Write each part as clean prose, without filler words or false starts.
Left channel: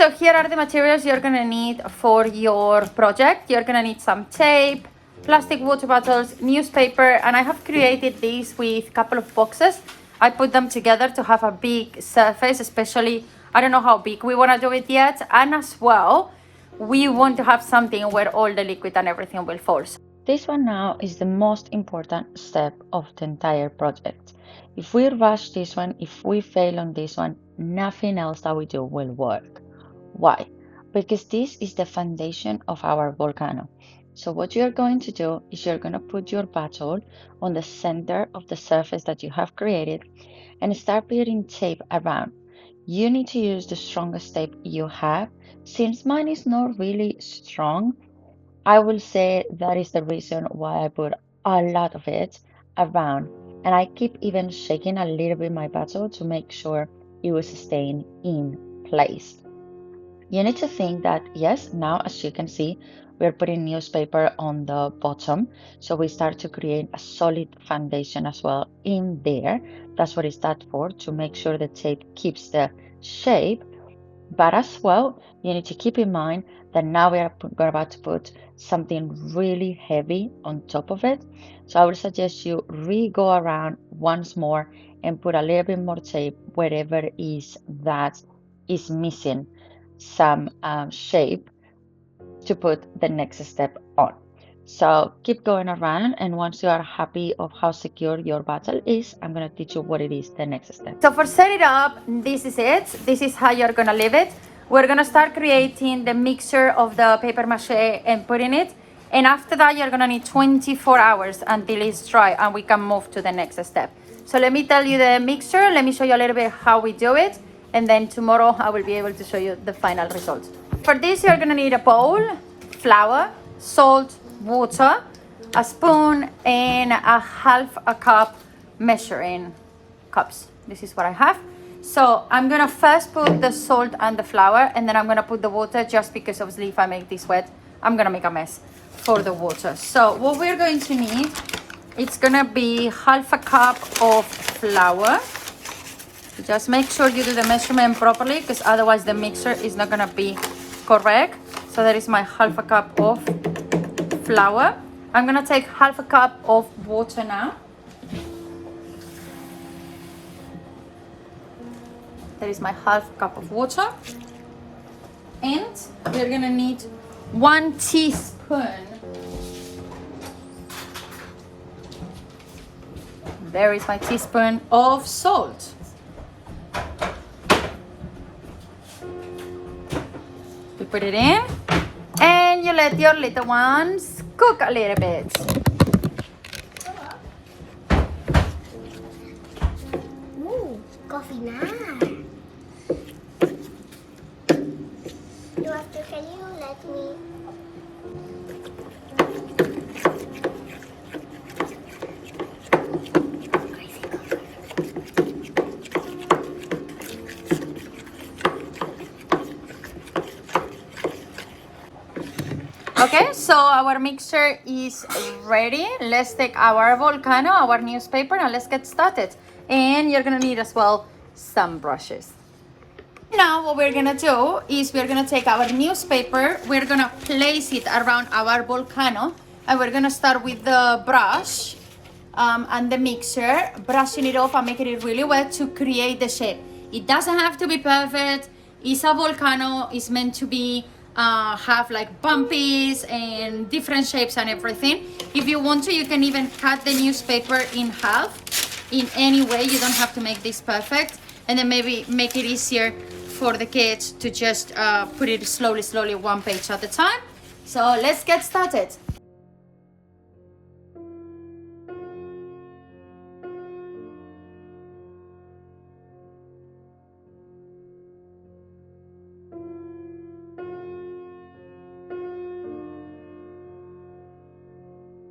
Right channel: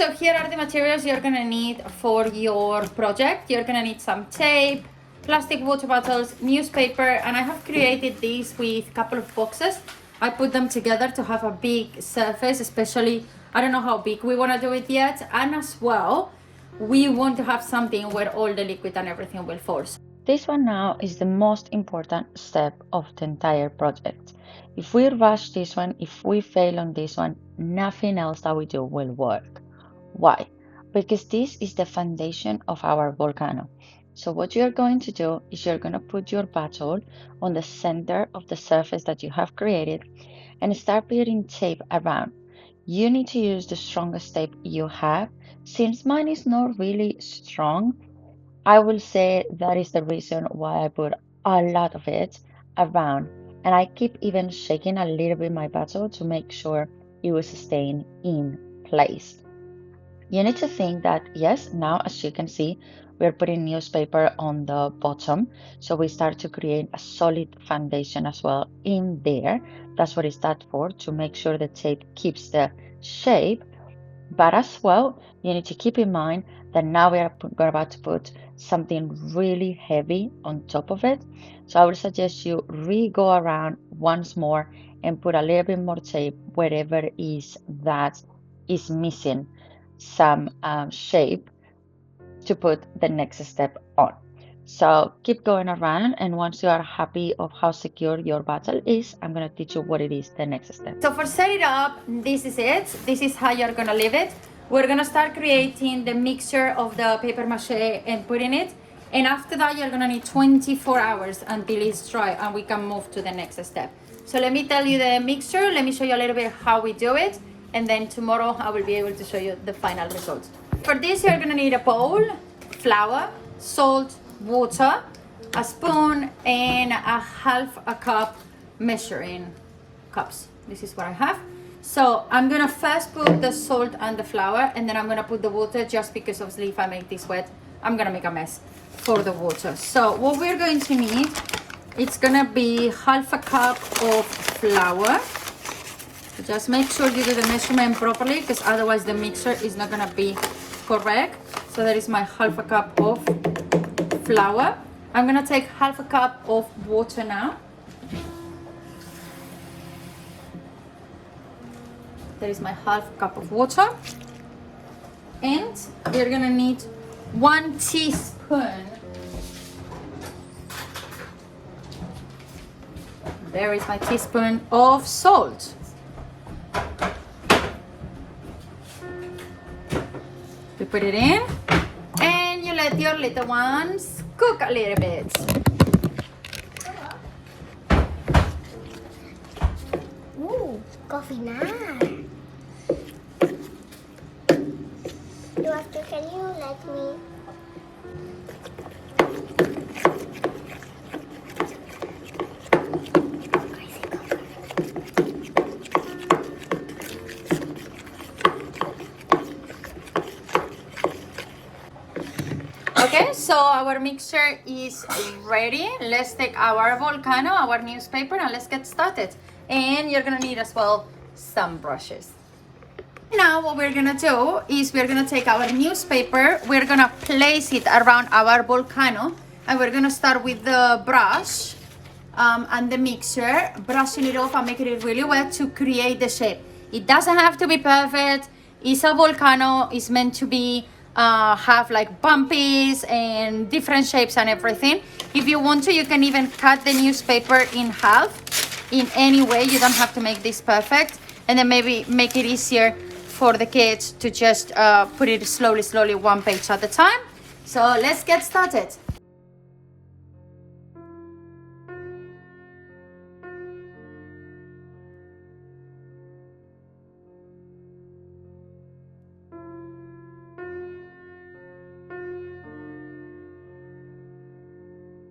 so here are the materials you're gonna need for your project. You're gonna need some tape, plastic water bottles, newspaper, and I have created these with a couple of boxes. I put them together to have a big surface, especially, I don't know how big we wanna do it yet, and as well, we want to have something where all the liquid and everything will fall. This one now is the most important step of the entire project. If we rush this one, if we fail on this one, nothing else that we do will work. Why? Because this is the foundation of our volcano. So what you're going to do is you're going to put your bottle on the center of the surface that you have created and start putting tape around. You need to use the strongest tape you have. Since mine is not really strong, I will say that is the reason why I put a lot of it around. And I keep even shaking a little bit my bottle to make sure it was staying in place. You need to think that, yes, now as you can see, we're putting newspaper on the bottom. So we start to create a solid foundation as well in there. That's what it's that for, to make sure the tape keeps the shape. But as well, you need to keep in mind that now we are about to put something really heavy on top of it. So I would suggest you re-go around once more and put a little bit more tape wherever is that is missing some shape to put the next step on. So keep going around, and once you are happy of how secure your bottle is, I'm going to teach you what it is the next step. So for set it up, this is it. This is how you're gonna leave it. We're gonna start creating the mixture of the paper mache and putting it. And after that, you're gonna need 24 hours until it's dry and we can move to the next step. So let me tell you the mixture. Let me show you a little bit how we do it. And then tomorrow I will be able to show you the final results. For this, you're gonna need a bowl, flour, salt, water, a spoon, and a half a cup measuring cups. This is what I have. So I'm gonna first put the salt and the flour, and then I'm gonna put the water, just because obviously if I make this wet, I'm gonna make a mess for the water. So what we're going to need, it's gonna be half a cup of flour. Just make sure you do the measurement properly, because otherwise the mixture is not gonna be correct. So that is my half a cup of flour. I'm gonna take half a cup of water now. That is my half cup of water. And you're gonna need 1 teaspoon. There is my teaspoon of salt. You put it in and you let your little ones cook a little bit. Ooh, coffee na. Can you let me? Okay, so our mixture is ready. Let's take our volcano, our newspaper, and let's get started. And you're gonna need as well some brushes. Now what we're gonna do is we're gonna take our newspaper, we're gonna place it around our volcano, and we're gonna start with the brush and the mixer, brushing it off and making it really wet to create the shape. It doesn't have to be perfect. It's a volcano, it's meant to be have like bumpies and different shapes and everything. If you want to, you can even cut the newspaper in half in any way. You don't have to make this perfect, and then maybe make it easier for the kids to just put it slowly, one page at a time. So let's get started.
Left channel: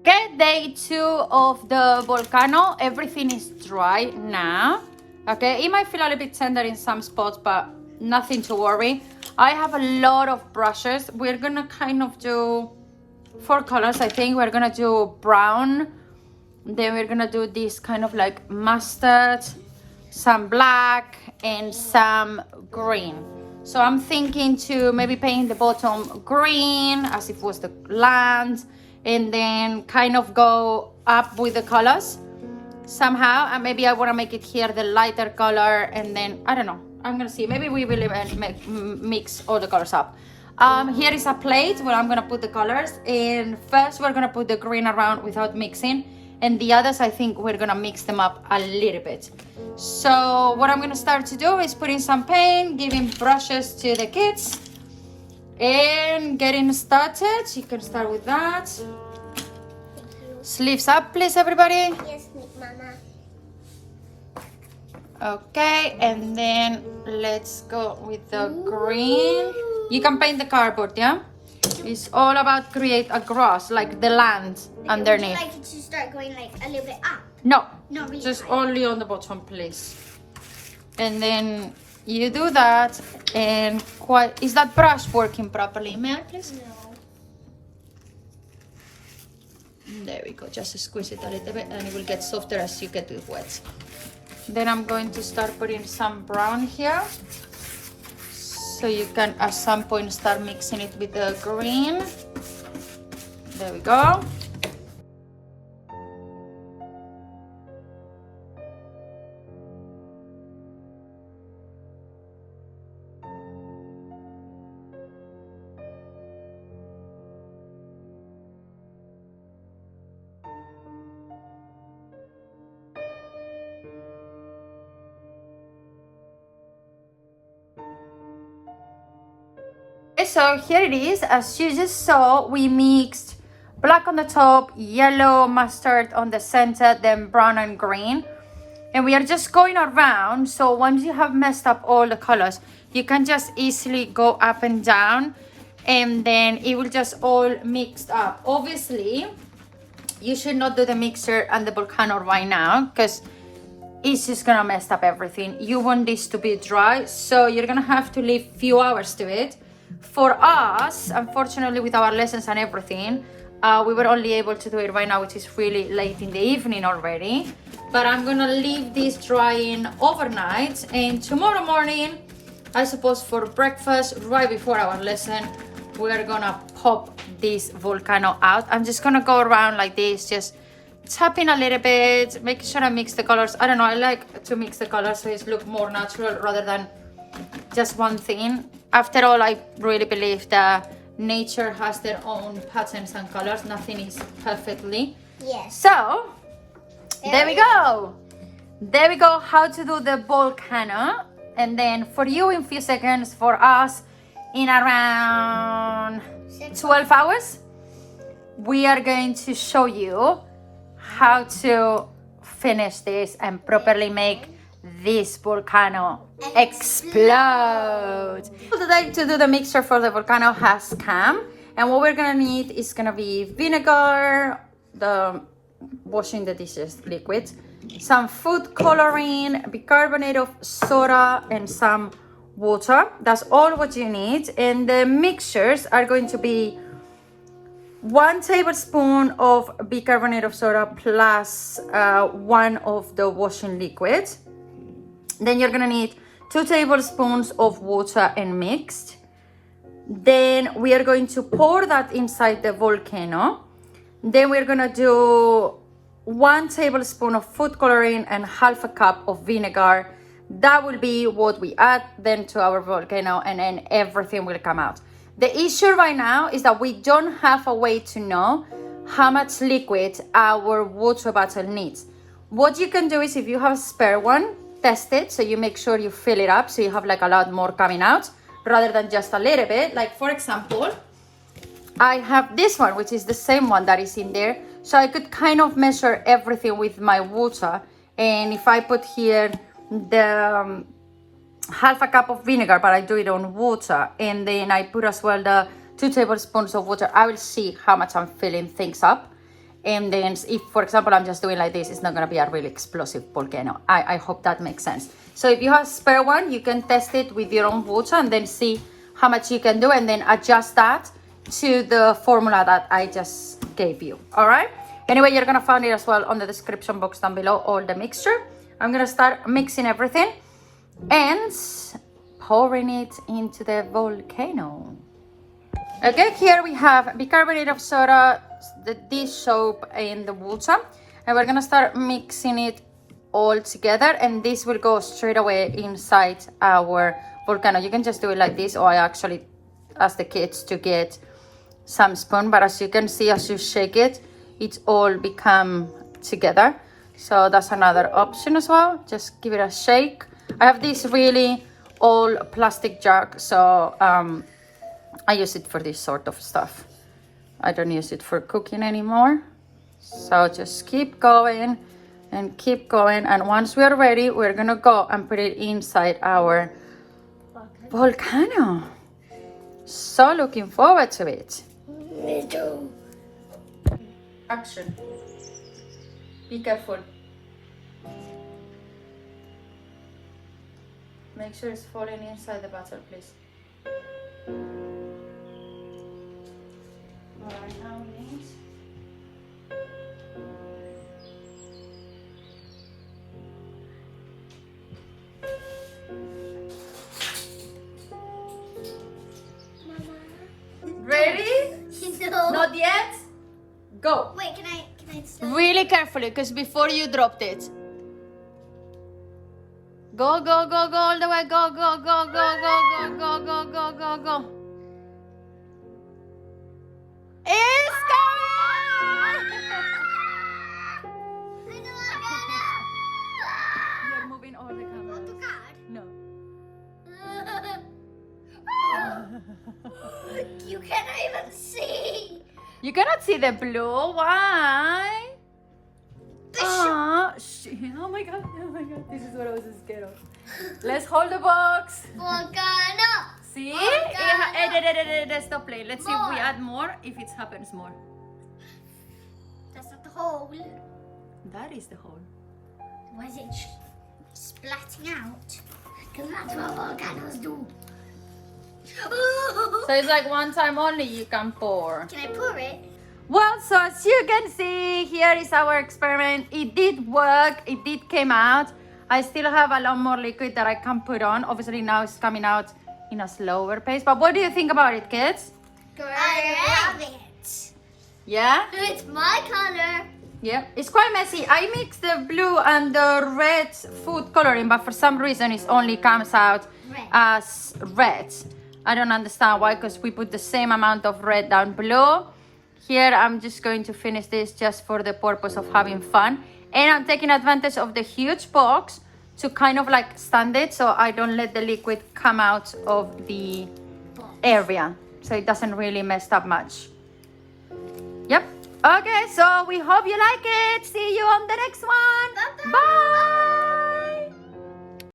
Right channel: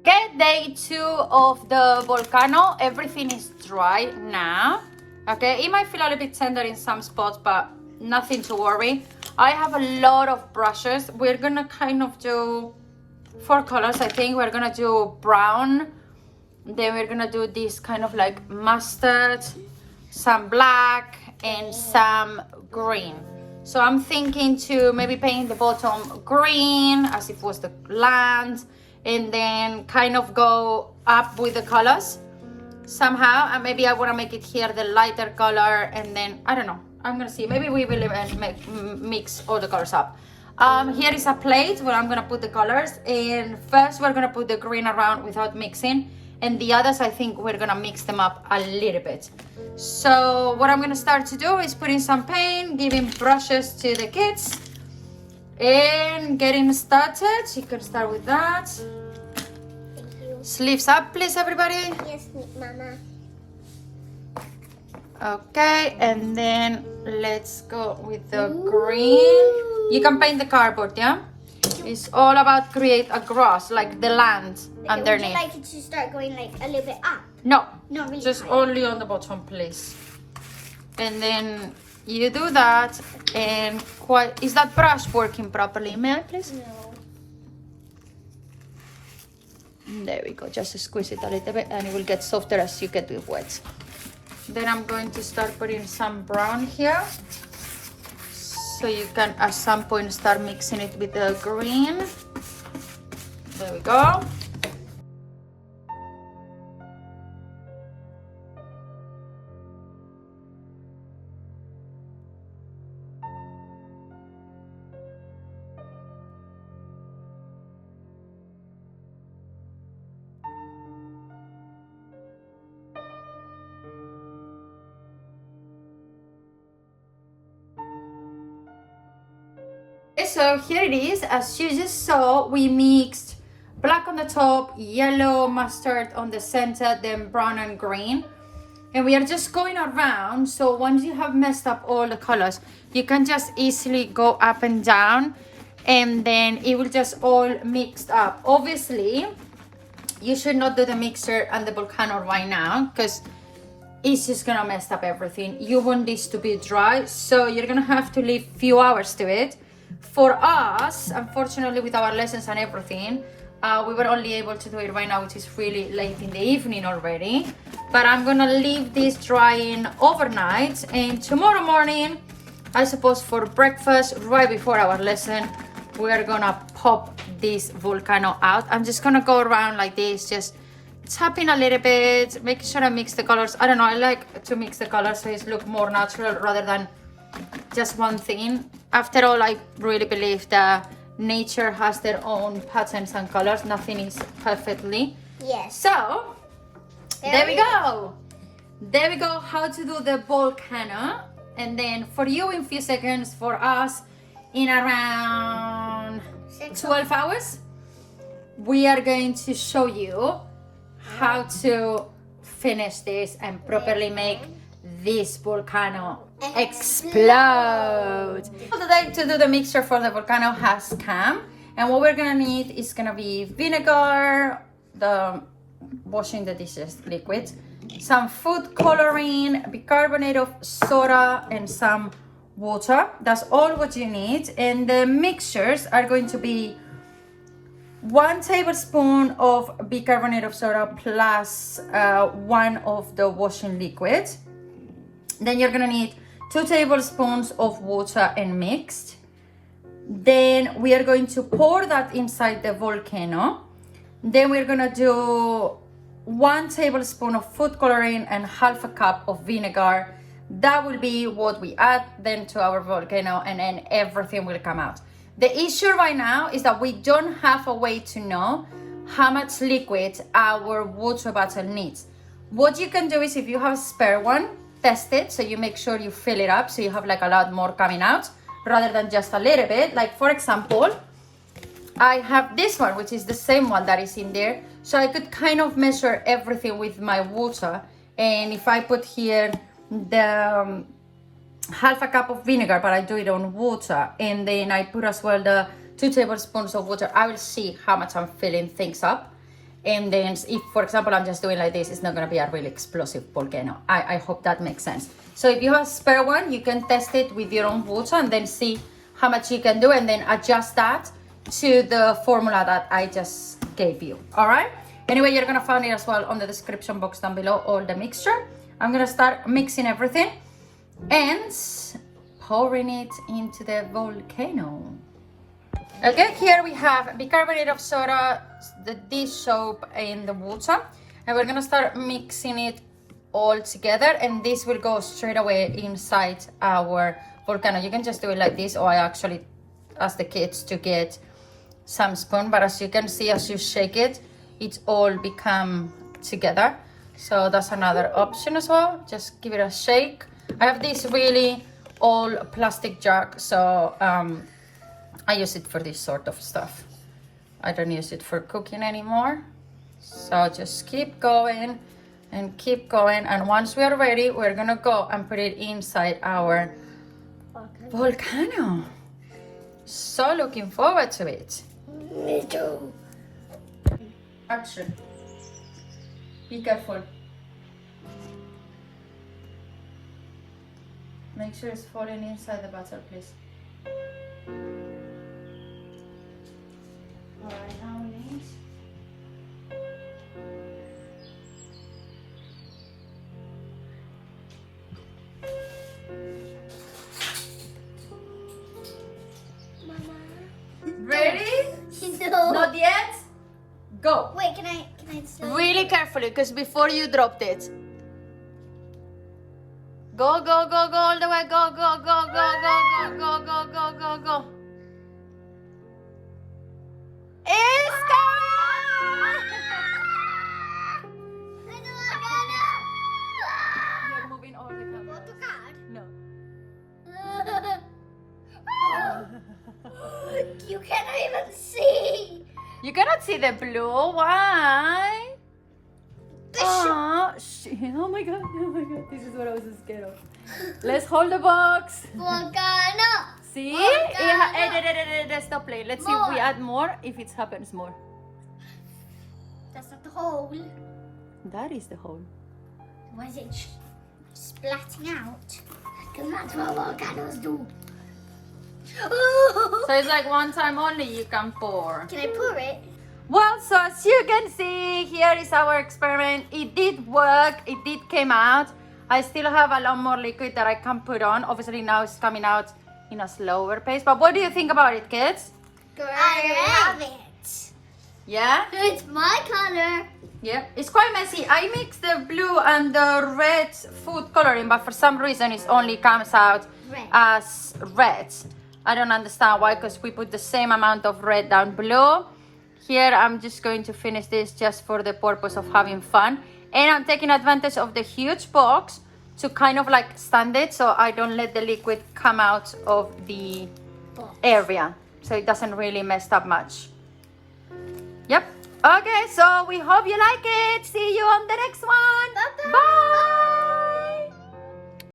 Okay, day 2 of the volcano. Everything is dry now. Okay, it might feel a little bit tender in some spots, but nothing to worry. I have a lot of brushes. We're gonna kind of do 4 colors. I think we're gonna do brown, then we're gonna do this kind of like mustard, some black, and some green. So I'm thinking to maybe paint the bottom green as if it was the land, and then kind of go up with the colors somehow. And maybe I want to make it here the lighter color, and then I don't know, I'm gonna see, maybe we will even mix all the colors up. Here is a plate where I'm gonna put the colors, and first we're gonna put the green around without mixing, and the others I think we're gonna mix them up a little bit. So what I'm gonna start to do is putting some paint, giving brushes to the kids, and getting started. You can start with that. Sleeves up, please, everybody. Yes, Mama. Okay, and then let's go with the green. You can paint the cardboard, yeah? It's all about create a grass, like the land underneath. Would you like it to start going like a little bit up? No, No, really just high. only on the bottom, please. And then you do that, and quite. Is that brush working properly? May I, please? No. There we go. Just squeeze it a little bit, and it will get softer as you get it wet. Then I'm going to start putting some brown here. So you can at some point start mixing it with the green. There we go. So here it is. As you just saw, we mixed black on the top, yellow, mustard on the center, then brown and green. And we are just going around. So once you have messed up all the colors, you can just easily go up and down, and then it will just all mixed up. Obviously, you should not do the mixer and the volcano right now, because it's just gonna mess up everything. You want this to be dry, so you're gonna have to leave few hours to it. For us, unfortunately, with our lessons and everything, we were only able to do it right now, which is really late in the evening already. But I'm gonna leave this drying overnight, and tomorrow morning, I suppose for breakfast, right before our lesson, we're gonna pop this volcano out. I'm just gonna go around like this, just tapping a little bit, making sure I mix the colors. I don't know, I like to mix the colors so it look more natural rather than just one thing. After all, I really believe that nature has their own patterns and colors. Nothing is perfectly. Yes. So, there we go. There we go, how to do the volcano. And then for you in few seconds, for us in around 12 hours, we are going to show you how to finish this and properly make this volcano explode. To do the mixture for the volcano has come, and what we're gonna need is gonna be vinegar, the washing the dishes liquid, some food coloring, bicarbonate of soda, and some water. That's all what you need. And the mixtures are going to be 1 tablespoon of bicarbonate of soda plus 1 of the washing liquid. Then you're gonna need 2 tablespoons of water and mixed. Then we are going to pour that inside the volcano. Then we're gonna do 1 tablespoon of food coloring and half a cup of vinegar. That will be what we add then to our volcano, and then everything will come out. The issue right now is that we don't have a way to know how much liquid our water bottle needs. What you can do is, if you have a spare one, test it, so you make sure you fill it up so you have like a lot more coming out rather than just a little bit. Like for example, I have this one, which is the same one that is in there, so I could kind of measure everything with my water. And if I put here the half a cup of vinegar, but I do it on water, and then I put as well the 2 tablespoons of water, I will see how much I'm filling things up. And then if, for example, I'm just doing like this, it's not going to be a really explosive volcano. I hope that makes sense. So if you have a spare one, you can test it with your own water and then see how much you can do, and then adjust that to the formula that I just gave you. All right? Anyway, you're going to find it as well on the description box down below, all the mixture. I'm going to start mixing everything and pouring it into the volcano. Okay, here we have bicarbonate of soda, the dish soap, and the water, and we're gonna start mixing it all together, and this will go straight away inside our volcano. You can just do it like this, or I actually ask the kids to get some spoon, but as you can see, as you shake it, it's all become together. So that's another option as well. Just give it a shake. I have this really old plastic jug, so I use it for this sort of stuff. I don't use it for cooking anymore. So just keep going and keep going, and once we are ready, we're gonna go and put it inside our volcano. So looking forward to it. Me too. Action. Be careful. Make sure it's falling inside the butter, please. My hands. Ready? No. Not yet? Go. Wait, can I still? Really carefully, because before you dropped it. Go, go, go, go all the way. Go, go, go, go, go, go, go, go, go, go, go. It's coming! Want the card? No. You cannot even see. You cannot see the blue. Why? Oh my god, oh my god. This is what I was scared of. Let's hold the box. Volcano. See? Volcano. Stop playing. Let's see if we add more, if it happens more. That's not the hole. That is the hole. Why is it splatting out? Because that's what volcanoes do. So it's like one time only you can pour. Can I pour it? Well, so as you can see, here is our experiment. It did work, it did come out. I still have a lot more liquid that I can put on. Obviously now it's coming out in a slower pace. But what do you think about it, kids? I love it. Yeah? It's my color. Yeah. It's quite messy. I mixed the blue and the red food coloring, but for some reason it only comes out Red. as red. I don't understand why, because we put the same amount of red and blue. Here I'm just going to finish this just for the purpose of having fun. And I'm taking advantage of the huge box to kind of like stand it so I don't let the liquid come out of the area. So it doesn't really mess up much. Yep. Okay, so we hope you like it. See